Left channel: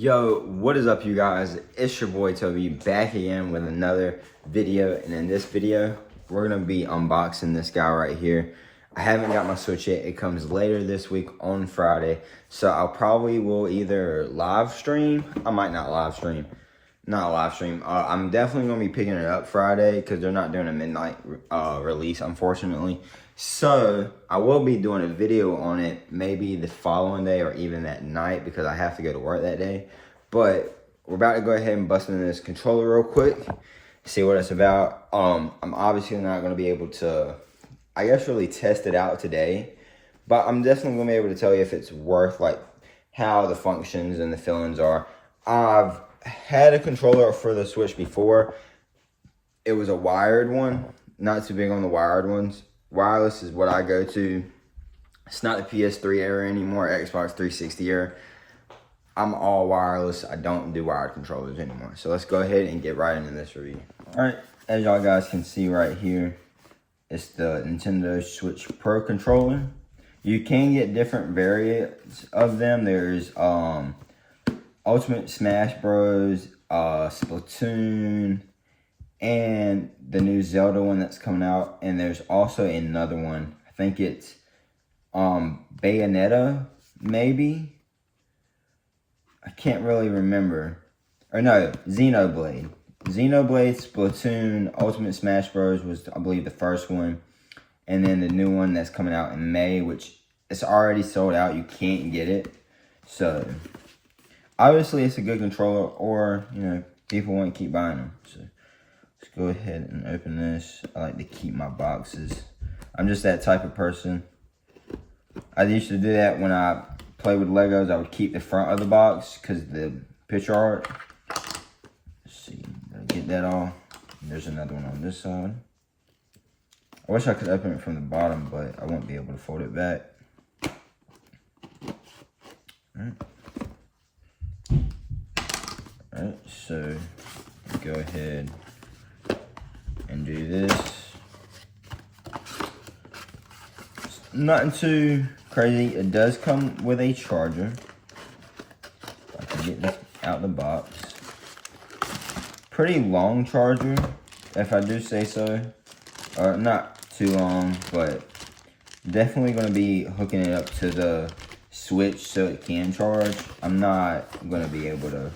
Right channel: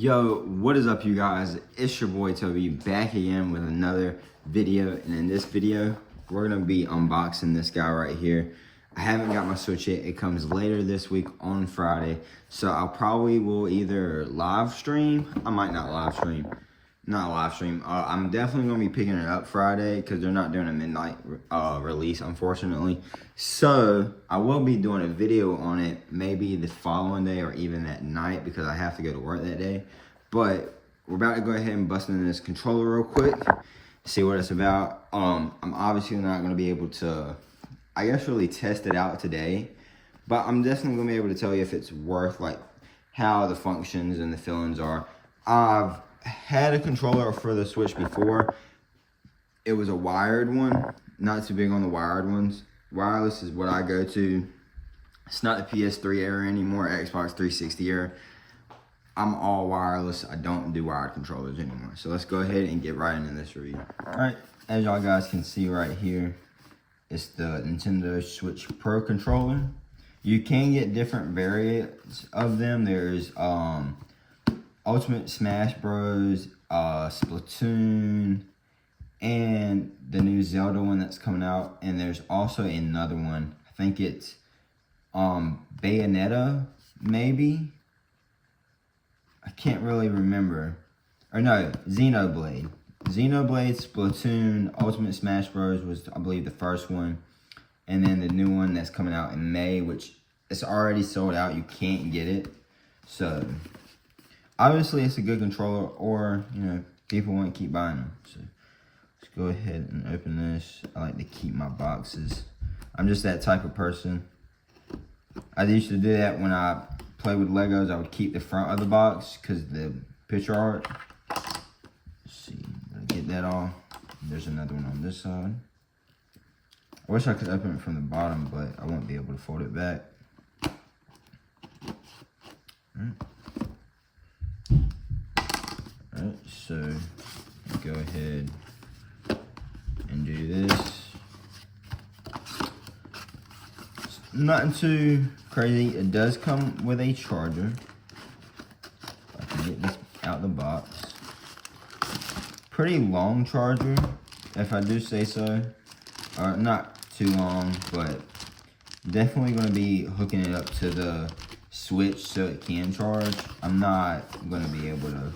Yo, what is up, you guys? It's your boy Toby back again with another video, and in this video we're gonna be unboxing this guy right here. I haven't got my Switch yet. It comes later this week on Friday, so I'll probably will either live stream. I might not live stream. I'm definitely gonna be picking it up Friday because they're not doing a midnight release, unfortunately. So I will be doing a video on it maybe the following day or even that night because I have to go to work that day. But we're about to go ahead and bust into this controller real quick, see what it's about. I'm obviously not gonna be able to, I guess, really test it out today, but I'm definitely gonna be able to tell you if it's worth, like, how the functions and the feelings are. I've had a controller for the Switch before. It was a wired one. Not too big on the wired ones. Wireless is what I go to. It's not the PS3 era anymore, Xbox 360 era. I'm all wireless. I don't do wired controllers anymore. So let's go ahead and get right into this review. Alright, as y'all guys can see right here, it's the Nintendo Switch Pro controller. You can get different variants of them. There's Ultimate Smash Bros, Splatoon, and the new Zelda one that's coming out. And there's also another one. I think it's Bayonetta, maybe. I can't really remember. Or no, Xenoblade. Xenoblade, Splatoon, Ultimate Smash Bros was, I believe, the first one. And then the new one that's coming out in May, which it's already sold out. You can't get it. So obviously, it's a good controller, or, you know, people won't keep buying them. So let's go ahead and open this. I like to keep my boxes. I'm just that type of person. I used to do that when I played with Legos. I would keep the front of the box because the picture art. Let's see, get that all. There's another one on this side. I wish I could open it from the bottom, but I won't be able to fold it back. Alright. Alright, so go ahead and do this. It's nothing too crazy. It does come with a charger. I can get this out of the box. Pretty long charger, if I do say so. Not too long, but definitely going to be hooking it up to the Switch so it can charge. I'm not going to be able to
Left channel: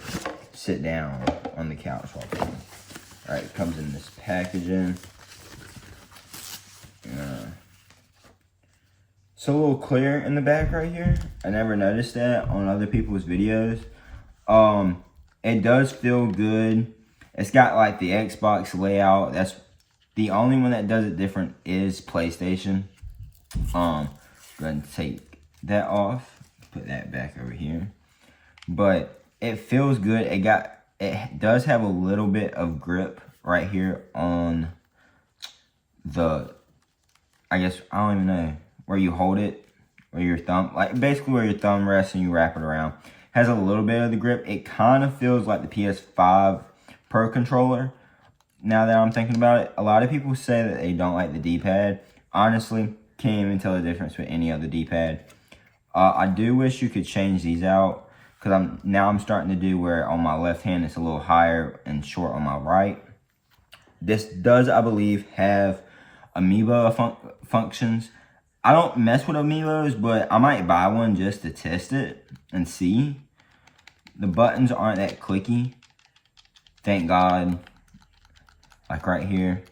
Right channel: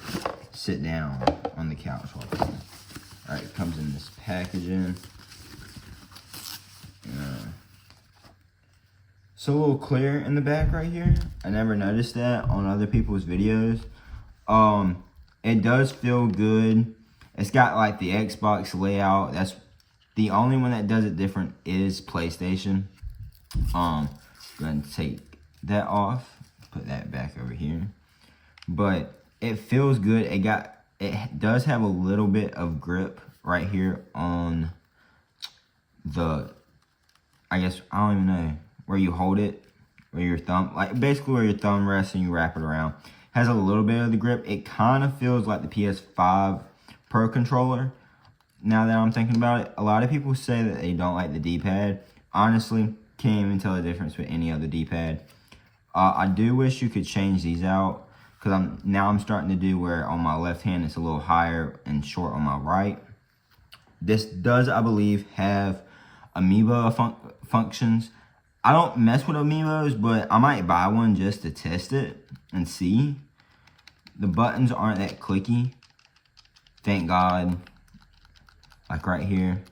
sit down on the couch while playing. Alright, it comes in this packaging. It's a little clear in the back right here. I never noticed that on other people's videos. It does feel good. It's got like the Xbox layout. That's the only one that does it different is PlayStation. Go ahead and take that off. Put that back over here. But it feels good. It does have a little bit of grip right here on the, I guess, I don't even know, where you hold it, where your thumb, like basically where your thumb rests and you wrap it around. Has a little bit of the grip. It kind of feels like the PS5 Pro controller. Now that I'm thinking about it, a lot of people say that they don't like the D-pad. Honestly, can't even tell the difference with any other D-pad. I do wish you could change these out, because I'm starting to do where on my left hand it's a little higher and short on my right. This does, I believe, have amiibo functions. I don't mess with amiibos, but I might buy one just to test it and see. The buttons aren't that clicky. Thank God. Like right here.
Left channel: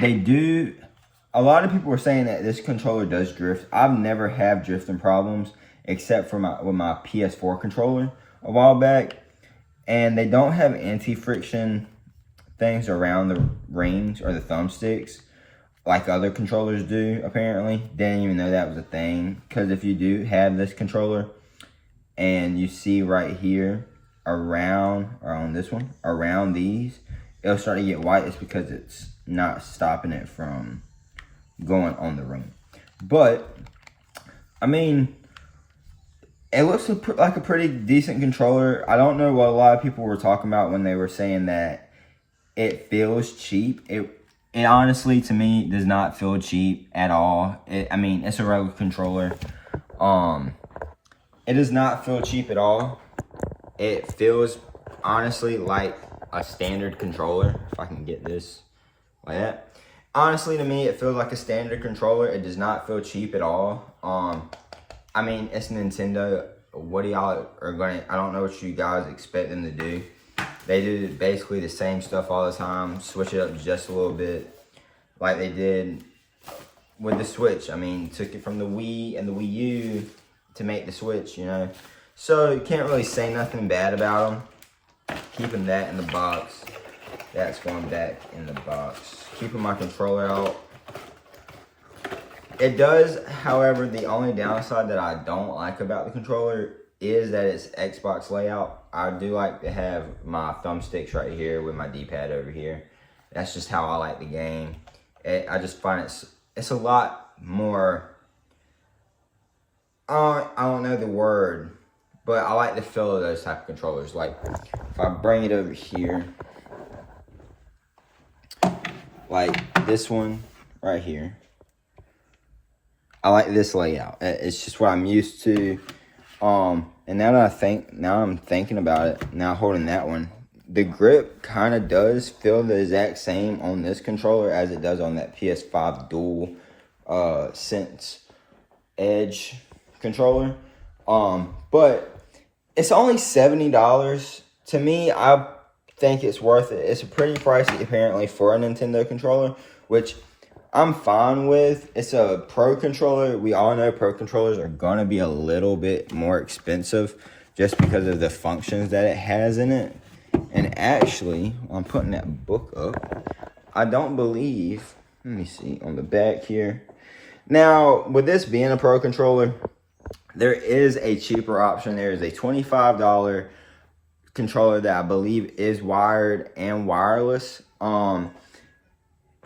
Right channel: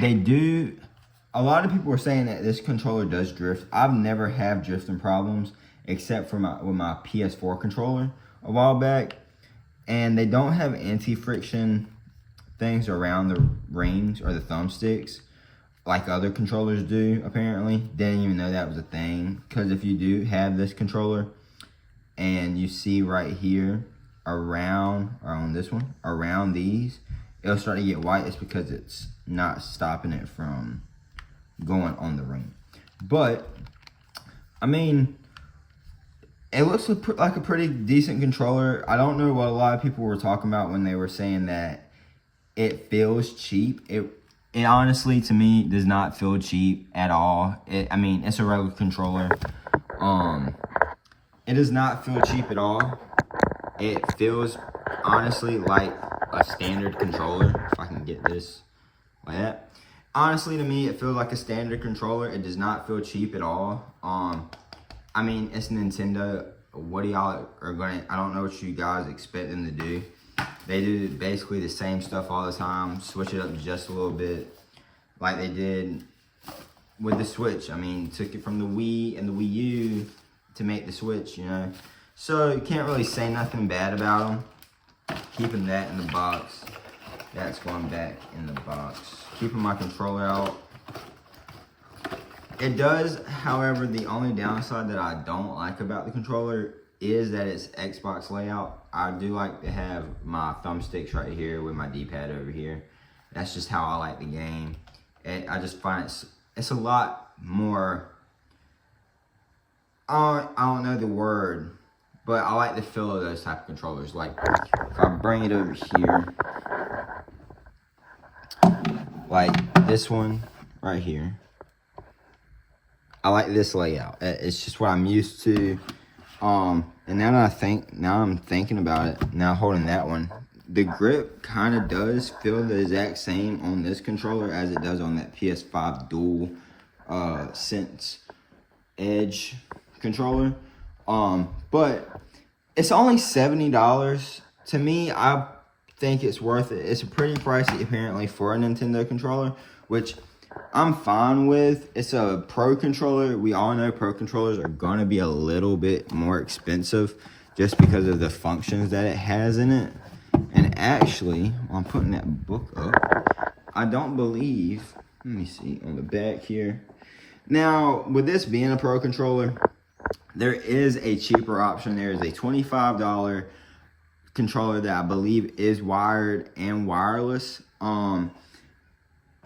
They do, a lot of people were saying that this controller does drift. I've never had drifting problems except for with my PS4 controller a while back. And they don't have anti-friction things around the rings or the thumbsticks like other controllers do, apparently. Didn't even know that was a thing. Because if you do have this controller and you see right here around, or on this one, around these, it'll start to get white. It's because it's not stopping it from going on the ring. But, I mean, it looks like a pretty decent controller. I don't know what a lot of people were talking about when they were saying that it feels cheap. It honestly, to me, does not feel cheap at all. I mean, it's a regular controller. It does not feel cheap at all. It feels, honestly, like a standard controller. If I can get this like that. Honestly, to me, it feels like a standard controller. It does not feel cheap at all. I mean, it's Nintendo. What do y'all are gonna? I don't know what you guys expect them to do. They do basically the same stuff all the time. Switch it up just a little bit, like they did with the Switch. I mean, took it from the Wii and the Wii U to make the Switch. You know, so you can't really say nothing bad about them. Keeping that in the box. That's going back in the box. Keeping my controller out. It does, however, the only downside that I don't like about the controller is that it's Xbox layout. I do like to have my thumbsticks right here with my D-pad over here. That's just how I like the game. I just find it's a lot more, I don't know the word, but I like the feel of those type of controllers. Like, if I bring it over here, like this one right here. I like this layout. It's just what I'm used to. And now that I'm thinking about it, now holding that one, the grip kind of does feel the exact same on this controller as it does on that PS5 dual sense edge controller. But it's only $70. To me, I think it's worth it. It's pretty pricey apparently for a Nintendo controller, which I'm fine with. It's a Pro controller. We all know Pro controllers are gonna be a little bit more expensive just because of the functions that it has in it. And actually, I'm putting that book up. I don't believe, let me see on the back here. Now, with this being a Pro controller, there is a cheaper option. There is a $25 controller that I believe is wired and wireless.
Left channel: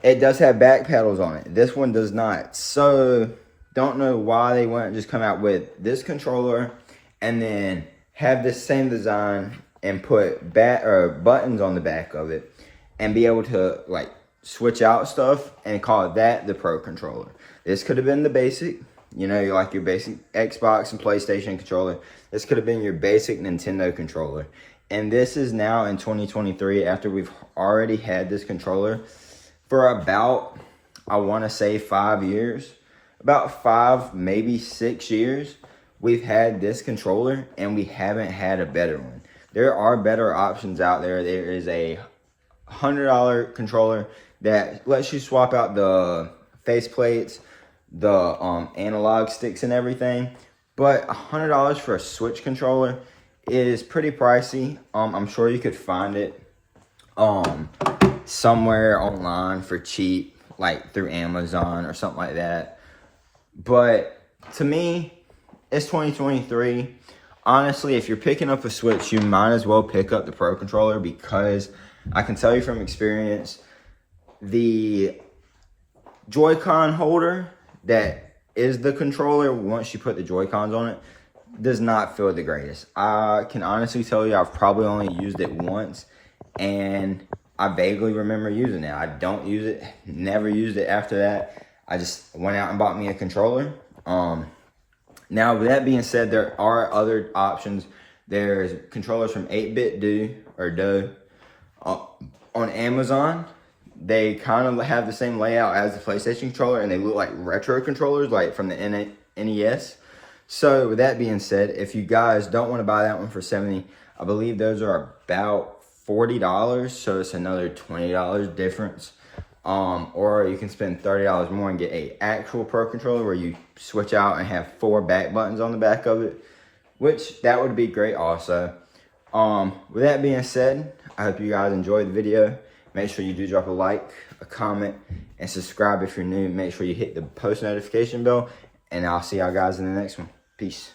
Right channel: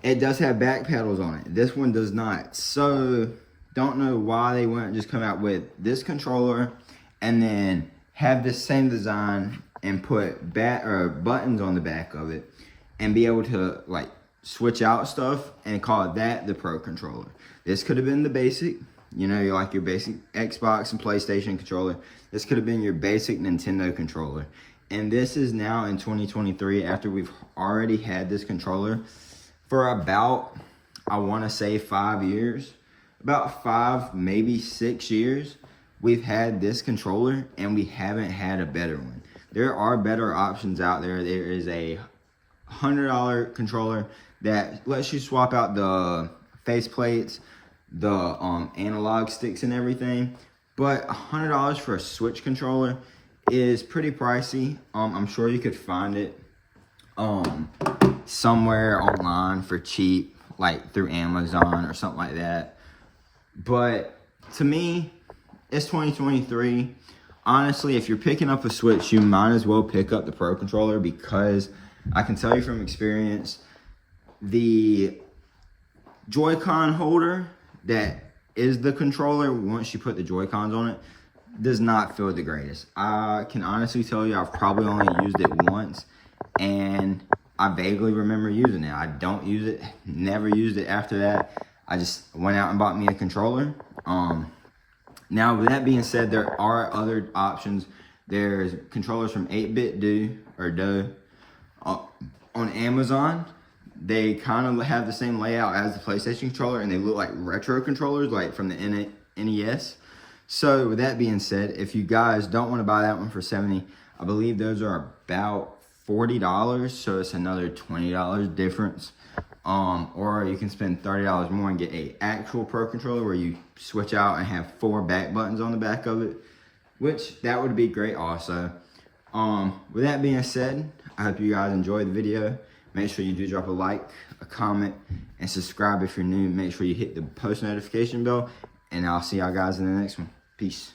It does have back pedals on it. This one does not. So, don't know why they wouldn't just come out with this controller and then have this same design and put buttons on the back of it and be able to like switch out stuff and call that the Pro controller. This could have been the basic, you know, like your basic Xbox and PlayStation controller. This could have been your basic Nintendo controller. And this is now in 2023 after we've already had this controller for about, I want to say 5 years, about 5, maybe 6 years, we've had this controller and we haven't had a better one. There are better options out there. There is a $100 controller that lets you swap out the face plates, the analog sticks and everything. But $100 for a Switch controller is pretty pricey. I'm sure you could find it somewhere online for cheap, like through Amazon or something like that. But to me, it's 2023. Honestly, if you're picking up a Switch, you might as well pick up the Pro controller, because I can tell you from experience, the Joy-Con holder that is the controller, once you put the Joy-Cons on it, does not feel the greatest. I can honestly tell you I've probably only used it once, and I vaguely remember using it. I don't use it, never used it after that. I just went out and bought me a controller. Now, with that being said, there are other options. There's controllers from 8-Bit Do on Amazon. They kind of have the same layout as the PlayStation controller, and they look like retro controllers, like from the NES. So, with that being said, if you guys don't want to buy that one for $70, I believe those are about $40, so it's another $20 difference. Or you can spend $30 more and get a actual Pro controller where you switch out and have 4 back buttons on the back of it, which that would be great also. With that being said, I hope you guys enjoyed the video. Make sure you do drop a like, a comment, and subscribe if you're new. Make sure you hit the post notification bell, and I'll see y'all guys in the next one. Peace.